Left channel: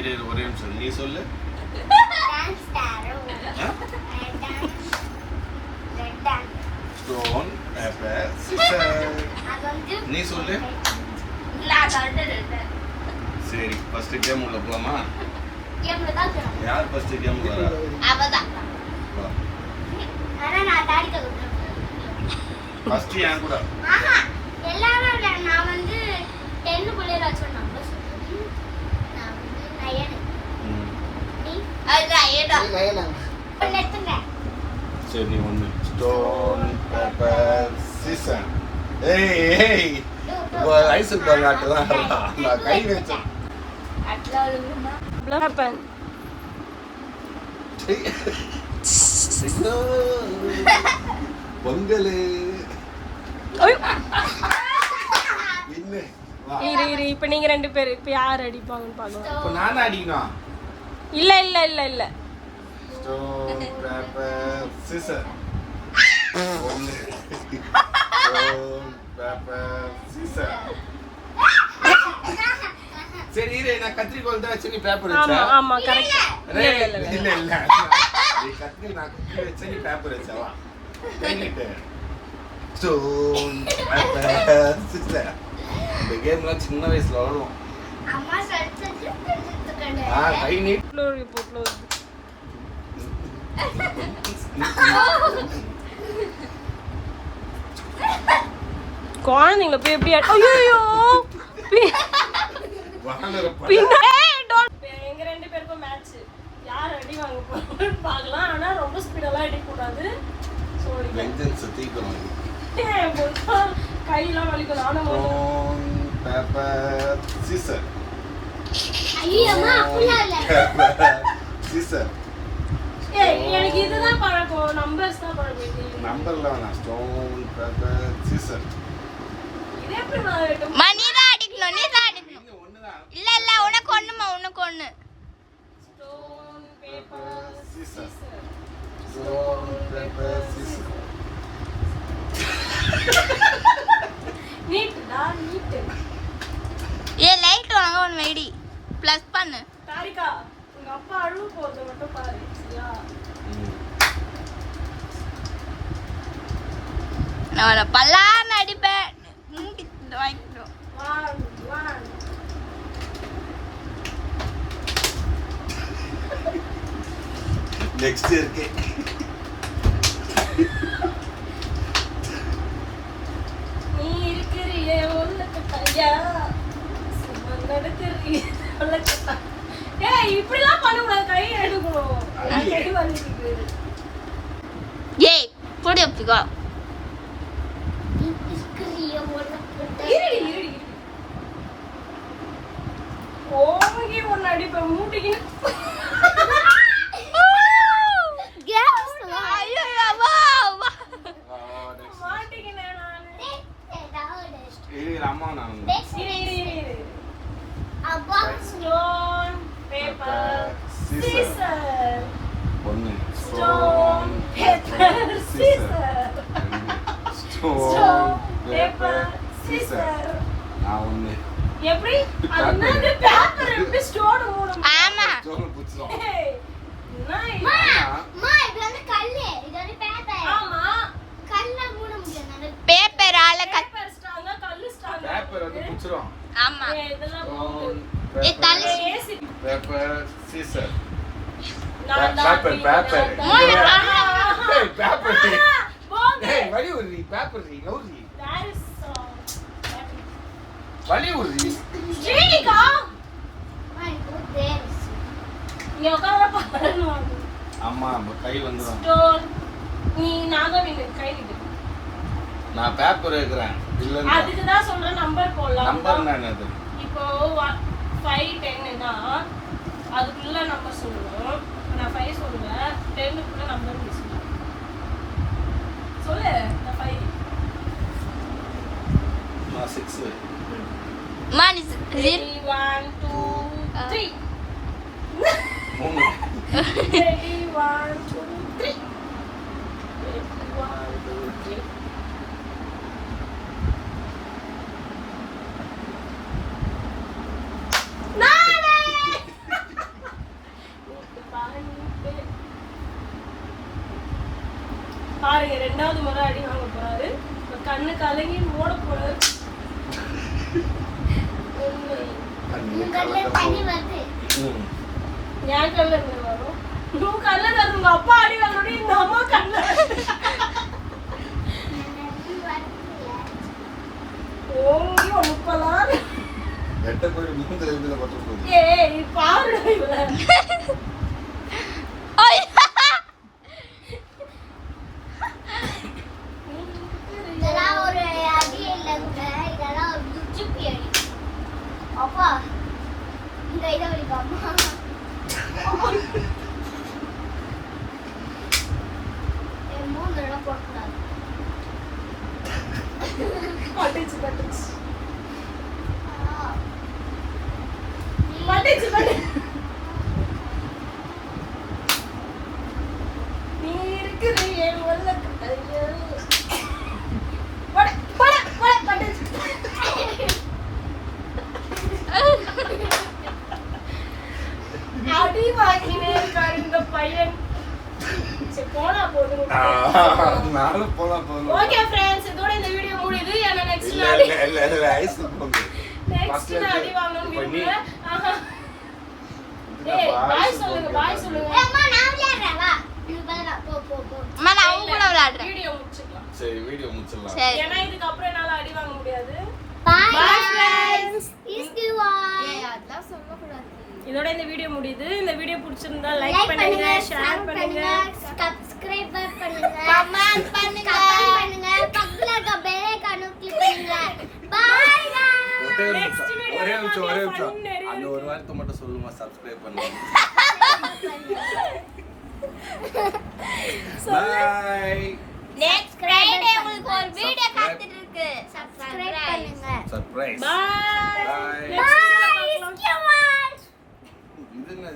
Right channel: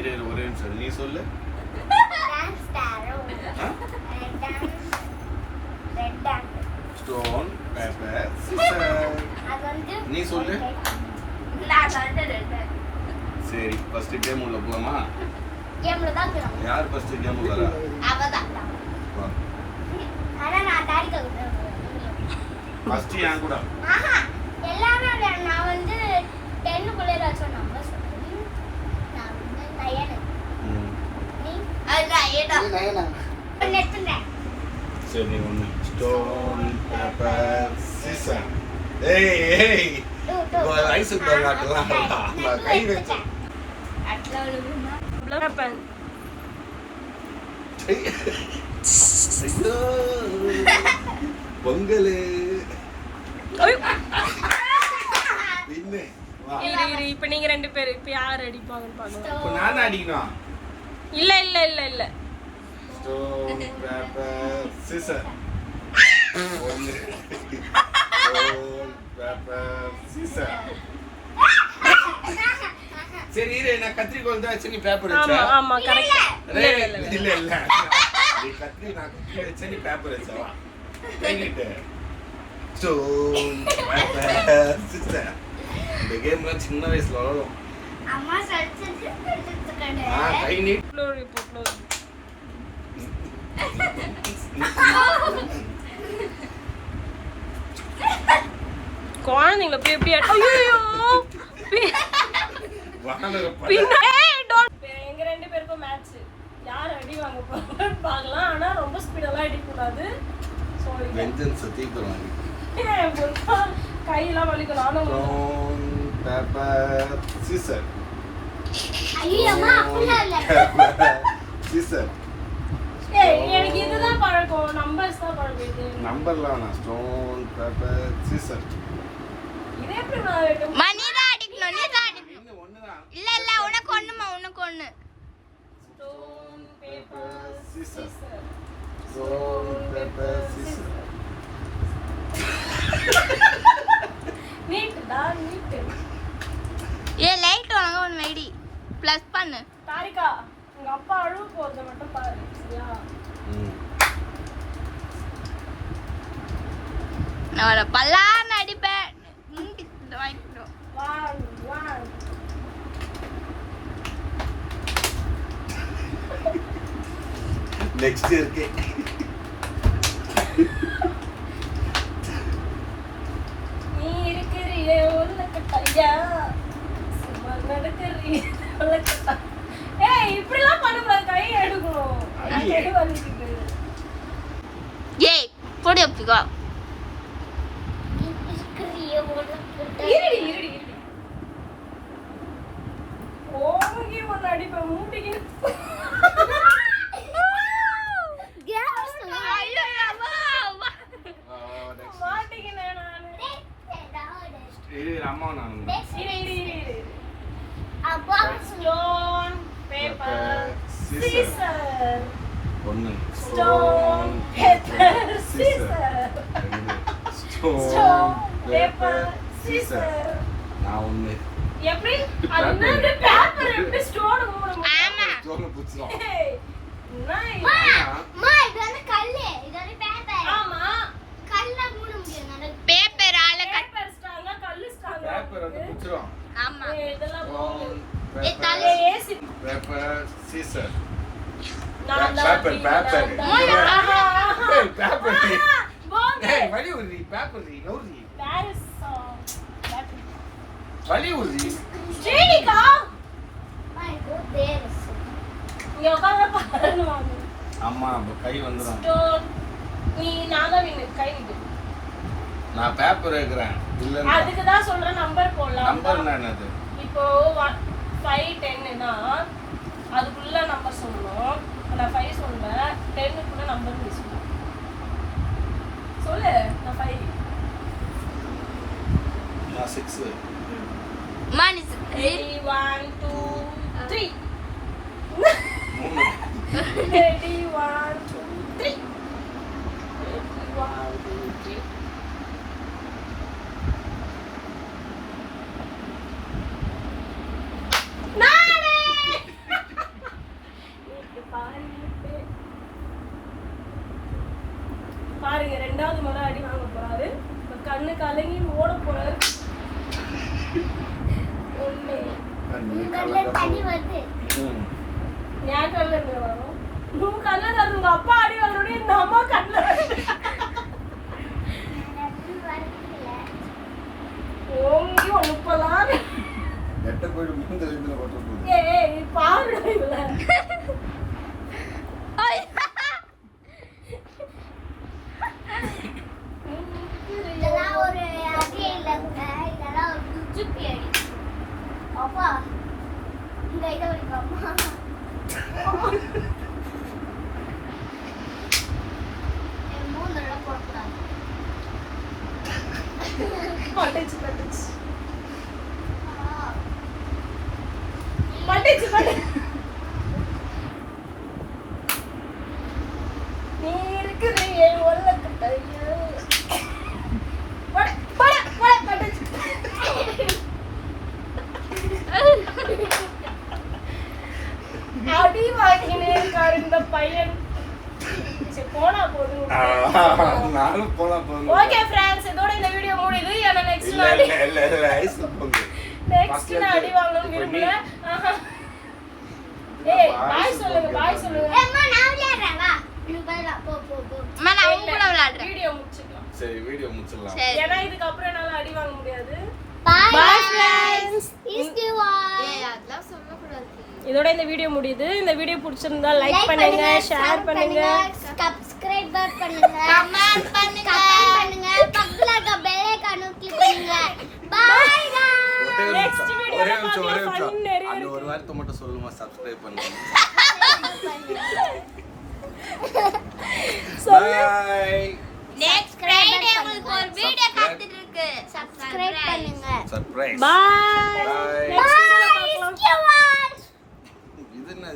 இரு ஒரே நிமிஷம் நீ சொல்லு. Stone paper scissor. நீ சொல்லு. சரி ஃபர்ஸ்ட் கேம் உள்ள போலாமா? கேம்ல தான் போறோம். யார் ஃபர்ஸ்ட் கேம் வரா? அவதான். ஆனா நான் டாடி கவுண்டர். ஃபர்ஸ்ட் யான் கூட. ஆஹா எல்லாரும் நான் வந்து 10 குள்ள ஏதாச்சும் நம்பர் சொல்றேன். நான் வந்து லயன். நீ லயனா. நெத்துனே. சரி நீ ஒன்னு. Stone paper scissor. ஏய் ஐஸ் பர்காட்டலாம் நான் கை வச்சேன். அட்லாலுனா. Blapan. பொங்கல். இரு இப்ப நீங்க ரெண்டு பேர் இப்ப யார் அடிப்பாங்கன்னு பாக்கலாம். இப்போ நான் அடிக்கணும். இல்ல இல்ல இல்ல இல்ல. Stone paper scissor. Stone paper scissor. சரி இரு நான் கத்திரிக்கோல் தான் வச்சு நீ பேப்பர் வச்சா. ஆமா ஆமா கரெக்ட். இல்ல இல்ல நீ கத்திரி நான் கத்திரி வச்சு நீ பேப்பர் வச்சா வா. என்கிட்ட ஸ்டோன் பேப்பர் சிசர். இந்த கேம்லாம் சின்ன வயசுல விளையாடுவோம். அம்மா சட்டைக்கு கை நீட். க்ளோரி போட்லோ. குழந்தைங்கள போய் எப்படி ஐயோ எங்க ரெண்டு பேருக்கும் மேட்ச் யார் அடி வாங்க போறாங்கன்னு பார்க்கலாம். ஆனா ரொம்ப ஸ்பீடெல்லாம் அடிக்க கூடாது. வெஞ்சன்ஸ் தீக்கலாம். கையெல்லாம் வலிக்கும். நானும் பேப்பர் சிசர். ஐயம்மா புள்ள இல்ல. சிசர். எனக்கு இதுதான் பழக்கம். நம்பர்ஸ் தான் பழக்கம். நம்பர்ல வேணாம். Stone paper scissor. இது எப்படி நான் மணி தான் அடிக்கணும். நீ தான் அடிக்கணும். இல்ல இல்ல உனக்கு ஒண்ணுமா உனக்கு ஒண்ணு. Stone paper scissor. Stone paper scissor. நீட் தான் நீட். லைட் வாங்க ஒன்னு வைடி. ப்ளஸ் பண்ணு. தாரிகா உங்க அப்பா அழுவு போறது மட்டும் பாரு. சரியா? நான் பல்லான்னு அடிப்பேன். வாங்கிடும். 1 நெக்ஸ்ட் இருக்கு. நீ இருக்கிறியே ஒல்லுக்கு தையா சும்மா நடக்கிறீ ஒல்லுக்கு. ஏய் இப்படிலாம் பண்ண கூடாது. கையை எடுக்கணும். கை வந்துருக்கு. ஏய் போடி அப்படிக்கோ. இருடி இருடி இருடி. ஓங்கி ஒன்னு அடிப்பேன் மூட்டிக்கு. ஐயோ அம்மா மாட்டிக்கினேன் நானு. இரு அம்மா நான் இரு இரு இரு இரு. Stone paper scissor. ஒன்னு. Stone paper scissor. Stone paper scissor. நான் ஒன்னு. எப்படி அது பேப்பர் எப்படி ஸ்டோன் மூடும்? ஆமா ஸ்டோன் புடிச்சோம். ஏய் நைஸ். அம்மா இது வந்து கல்லு. இது வந்து பேப்பர். ஆமா கல்ல மூட முடியாது. பேப்பரால பேப்பர் ஸ்ட்ராங்கா கல்லு ஸ்ட்ராங்கா. பேப்பர் வந்து புடிச்சோம். ஆமா இதெல்லாம் போங்க. ஏ தலை ஏசி பேப்பர் சீசர். நான் பேப்பர் பேப்பர். ஏய் பேப்பர். போங்க. ஏய் வலி உரி பேப்பர் நீ நோரி. பாரிஸ் வலி உரி. Jenika my good. இங்க உட்கார்ந்து பாருங்க. அம்மா கை வந்துரும். ஸ்டோன் நீ நான் தான் வின்னு. கை விடு. நான் பேப்பர் வைக்கிறேன். இல்ல அதுக்கு தான் சொல்றேன் நம்பர் போடலாம். நம்பர் என்னது? இப்போ 5 10னா அதுக்குள்ள நம்பர் சொல்லணும். நான் 5 சொல்றேன். 10க்குள்ள நம்பர் நீ சொல்லு. சொல்லு. நான் 5. நான் 6. மணி 1 2 3. 3. Ready 1 2 3. 1 2 3. நானே 2வது முறை அடி வாங்க போறாரு. இப்ப கண்ணு கலங்கி ஓட போறாரு. ஒண்ணு உன் கண்ணுல தண்ணி வருது. என் கல்ல இருந்து வரும். உன் கல்ல அது உங்க அப்பா அடி வாங்கணும், இந்த அம்மா கல்ல ஓங்கி ஒண்ணு போலாம். எட்ட போய் மூந்தல இருந்து போட்டு போகுது. ஏய் பாருடா இவள. இதெல்லாம் ஒரு அடி இல்லைங்க, இதெல்லாம் ஒரு குச்சிப்பி அடி. அப்பா இங்க இதை வரைக்கும் என் மூணுலாம் போட்டுக்கூடாது. பட்டுச்சு பட்டுச்சு பட்டுச்சு பட்டுச்சு. நீ இருக்கிற என் உள்ளக்கு தையோ. போட போட போட பட்டுச்சு. அடி வாங்கினே இருக்காரு இந்த பையன். சரி போனா போதும். நானும் போலாம் போலாம். ஓகே फ्रेंड्स, இதோட இந்த வீடியோ முடியுது. ஏன்னா நெக்ஸ்ட் இல்ல நாள் இல்ல இல்ல ஐஸ் போங்க. நெக்ஸ்ட் நான் அடி வாங்கணும் விரும்பல. ஏய் பாய் சொல்லுங்க, பாய் சொல்லுங்க. அம்மா நான் விளையாடுறேன், வா நீ பாரு. போ போ போ. அம்மா நான் உங்க கூட விளையாடுறேன். வீடியோ முடிச்சுக்கலாம். சரி வீடியோ முடிச்சிடலாம். சரி. ஏன்னா இதுக்கு அப்புறம் என்னால அடி வாங்க முடியாது. Bye Bye, friends. Please do watch. ஏய் அதெல்லாம் சொல்ல கூடாது. இதோட இந்த வீடியோ முடியுது. இந்த வீடியோ பிடிச்சிருந்தா லைக் பண்ணுங்க, ஷேர் பண்ணுங்க, சப்ஸ்கிரைப் பண்ணுங்க, கமெண்ட் பண்ணுங்க. பக்கத்துல இருக்க பெல் ஐகானை கிளிக் பண்ணுங்க. Bye bye. ஒரே நிமிஷம் அந்த ஒரு வார்த்தை மட்டும் சொல்லுமா, சப்ஸ்கிரைப் பண்ணுங்க. பை. நெக்ஸ்ட் ஃப்ரைடே உங்களுக்கு ஒரு வீடியோ காத்துட்டு இருக்கு. சப்ஸ்கிரைப் பண்ணுங்க. சர்ப்ரைஸ். பை. Bye. நெக்ஸ்ட் வீடியோல பார்க்கலாம். Bye. இது என்ன